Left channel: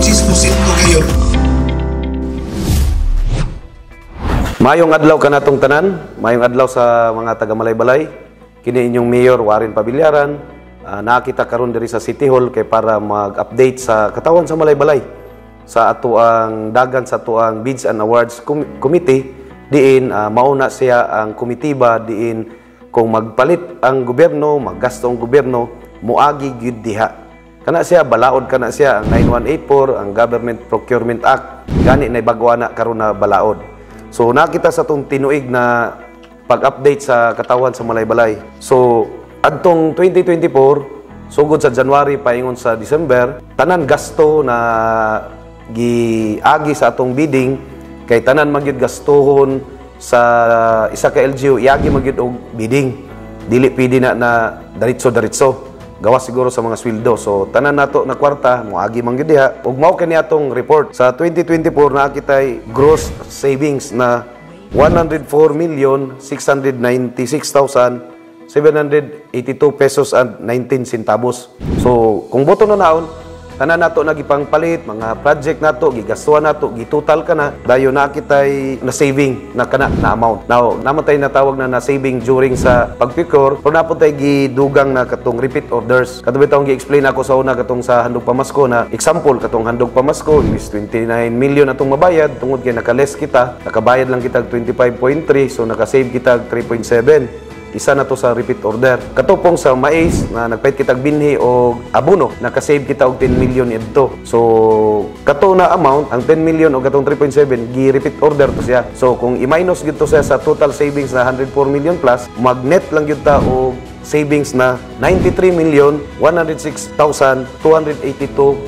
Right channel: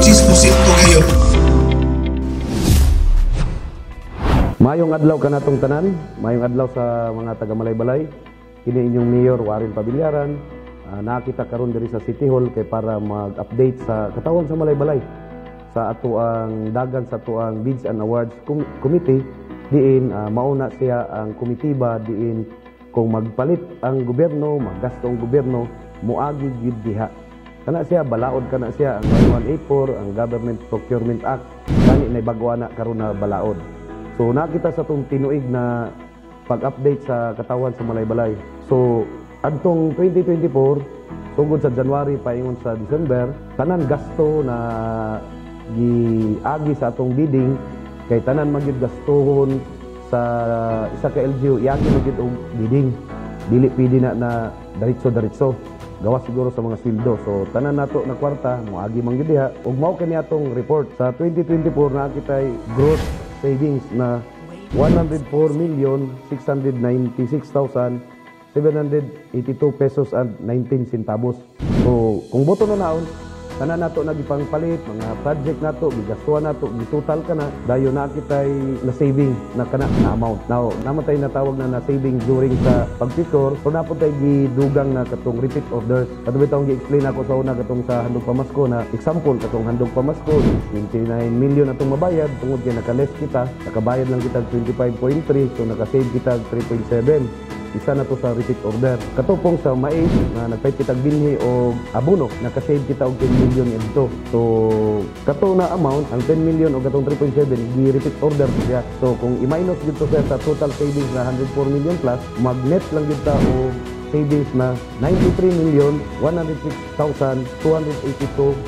chismosito kayo. Mayong adlaw kanatong tanan, mayong adlaw sa mga taga Malaybalay. Kini inyong Mayor Warren Pabillaran. Nakita karon diri sa City Hall kay para mag-update sa katawan sa Malaybalay sa ato ang dagan sa ato ang Bids and Awards Committee. Diin mauna siya ang komitiba diin kung magpalit ang gobyerno, maggasto ang gobyerno, muagi gyud diha. Kana siya balaod kana siya ang 9184, ang Government Procurement Act, gani na bagwa na karon na balaod. So nakita sa tong tinuig na pag-update sa katawan sa Malaybalay. So adtong 2024 sugod sa January paingon sa December, tanan gasto na giagi sa atong bidding kay tanan magyud gastohon sa isa ka LGU iagi magyud og bidding. Dili pwede na diretso gawas siguro sa mga sweldo. So tanan nato na kwarta moagi man gyud diha. Ug mao kani atong report sa 2024 nakitay gross savings na 104,696,782 pesos and 19 centavos. So kung boto na naon tanan nato nagipangpalit mga project nato gigastuhan nato gitotal kana dayon nakitay na saving na kana na amount. Now namatay na tawag na saving during sa pagpicor pero naputay gidugang na katong repeat orders. Katong bitong gi-explain ako sa una katong sa handog pamasko na example katong handog pamasko is 29 million atong mabayad tungod kay naka-less kita, nakabayad lang kita 25.3 so naka-save kita 3.7. Isa na to sa repeat order. Katupong sa mais na nagpait kitag binhi o abono, nakasave kita og 10 million ito. So, kato na amount, ang 10 million o katong 3.7, gi-repeat order to siya. So, kung i-minus gito siya sa total savings na 104 million plus, mag-net lang yun ta o savings na 93,106,282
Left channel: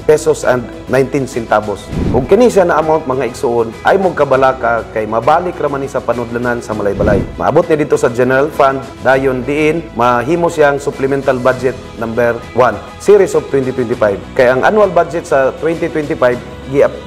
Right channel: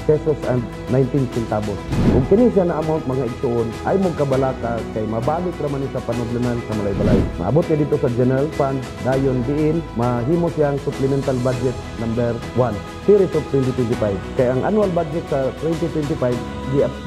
pesos and 19 centavos. Kung kini siya na amount mga igsuon, ay mong kabalaka kay mabalik raman ni sa panudlanan sa Malaybalay. Maabot niya dito sa General Fund, dayon diin, mahimo siyang supplemental budget number 1, series of 2025. Kaya ang annual budget sa 2025,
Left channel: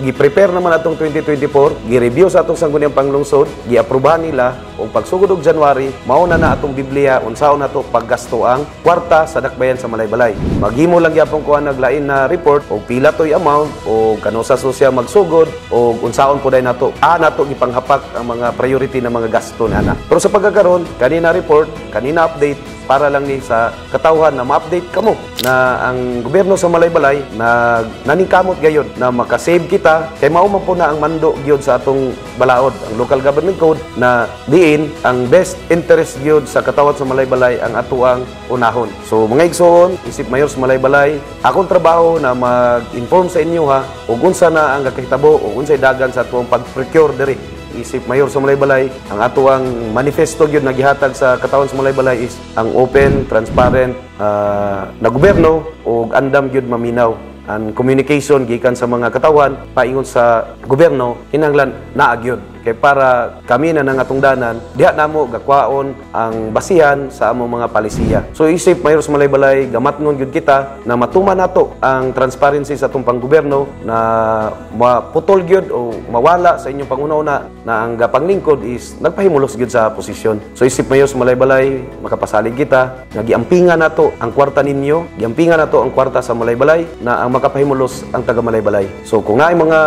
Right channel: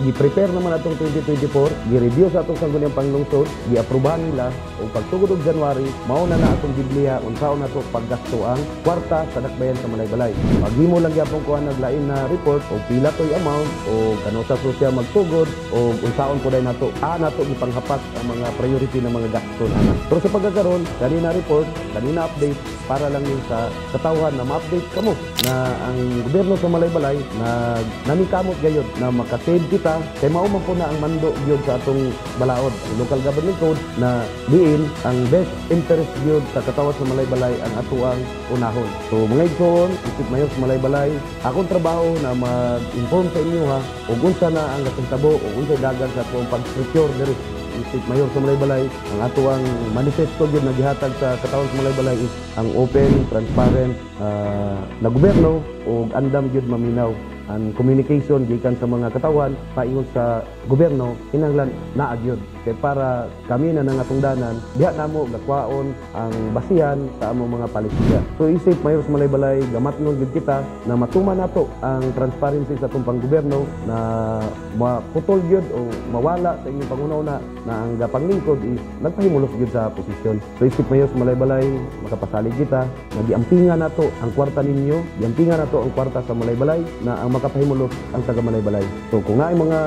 gi-prepare naman atong 2024, gi-review sa atong sangguniang panglungsod, gi-aprobahan nila o pagsugod og January, mauna na atong Biblia unsaon nato paggasto ang kwarta sa dakbayan sa Malaybalay. Maghimo lang gyapon ko ang naglain na report o pila toy amount o kano sa susya magsugod o unsaon puday nato nato gipanghapak ang mga priority na mga gasto na. Pero sa pagkakaron, kanina report, kanina update para lang ni sa katawhan na ma-update kamo na ang gobyerno sa Malaybalay na naningkamot gayud na makasave kita kay mao man po na ang mando gyud sa atong balaod ang local government code na diin ang best interest gyud sa katawhan sa Malaybalay ang atuang unahon. So mga igsoon, isip mayor sa Malaybalay, akong trabaho na mag-inform sa inyo ha ug unsa na ang kakahitabo o unsay dagan sa atong pag-procure diri. Isip mayor sa Malaybalay, ang ato ang manifesto gyud na gihatag sa katawan sa Malaybalay is ang open, transparent na gobyerno ug andam gyud maminaw ang communication gikan sa mga katawan paingon sa gobyerno kinahanglan naa gyud kay para kami na nang atong danan diha namo gakwaon ang basihan sa among mga palisiya. So isip mayor sa Malaybalay gamatngon gyud kita na matuman nato ang transparency sa atong panggobyerno na maputol gyud o mawala sa inyong pangunauna na ang gapanglingkod is nagpahimulos gyud sa posisyon. So isip mayor sa Malaybalay makapasalig kita nagiampingan nato ang kwarta ninyo, giampingan nato ang kwarta sa Malaybalay na ang makapahimulos ang taga Malaybalay. So kung naay mga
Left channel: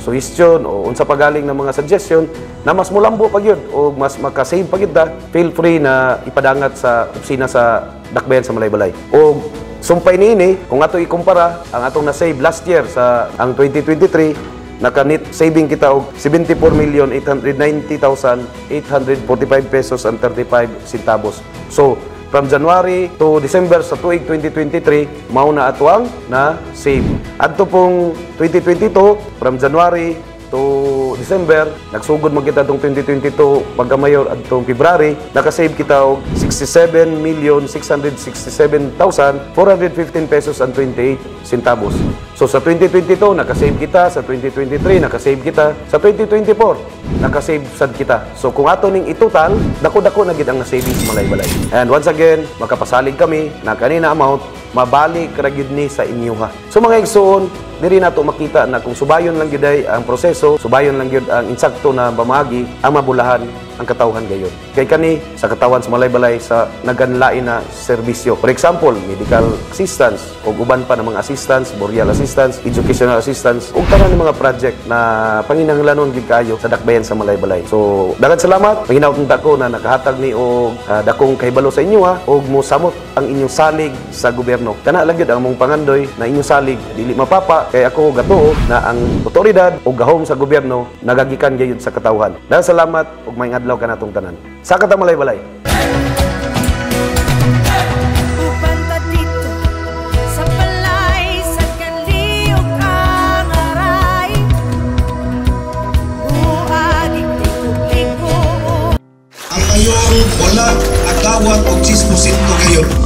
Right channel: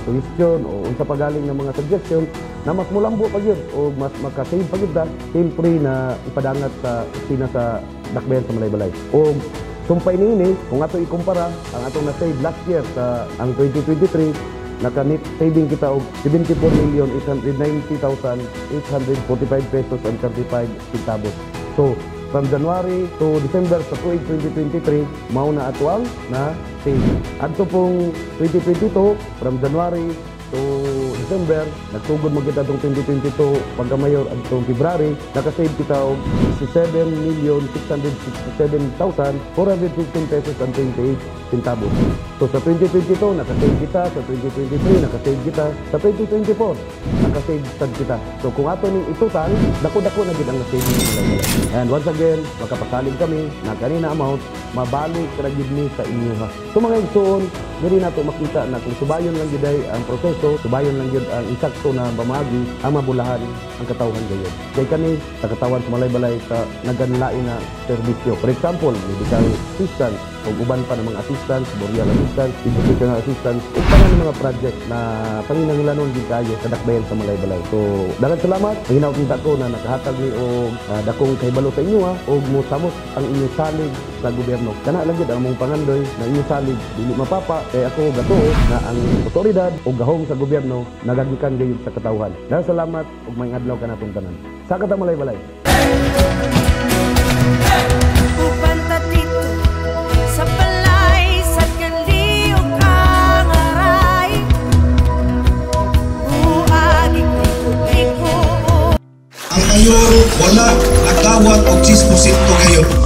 suggestion o unsa pagaling na mga suggestion na mas mulambo pa gyud o mas makasave pa gyud feel free na ipadangat sa opisina sa dakbayan sa Malaybalay. O sumpay niini kung ato ikumpara ang atong na-save last year sa ang 2023 naka-net saving kita og 74,890,845 pesos and 35 centavos. So from January to December sa tuig 2023 mao na ato ang na save. Adto pong 2022 from January to December, nagsugod mo kita itong 2022 pagkamayor at itong February, nakasave kita og 67,667,415 pesos and 28 centavos. So sa 2022, nakasave kita. Sa 2023, nakasave kita. Sa 2024, nakasave sad kita. So kung ato ning itotal, dako-dako na gid ang nasave sa Malaybalay. And once again, makapasalig kami na kanina amount, mabalik ra gyud ni sa inyo ha. So mga igsoon, diri nato makita na kung subayon lang gyud ang proseso, subayon lang gyud ang insakto na pamagi, ang mabulahan ang katawhan gayon. Kay kani sa katawan sa balay-balay sa naganlain na serbisyo. For example, medical assistance o uban pa ng mga assistance, burial assistance, educational assistance, ug tanan ng mga project na panginahanglanon gyud kayo sa dakbayan sa balay-balay. So, daghang salamat. Panginaot ko na nakahatag ni og dakong kahibalo sa inyo og mo samot ang inyong salig sa gobyerno. Kana lang gyud ang mong pangandoy na inyong salig dili mapapa kay ako gatuo na ang otoridad o gahom sa gobyerno nagagikan gyud sa katawhan. Daghang salamat ug maayong adlaw kanatong tanan. Sa katang balay-balay. Upanta dito sa balay sa kanliog ang aray. Buag ikliko-liko. Ang mayor wala nagdawat og 6% ngayon.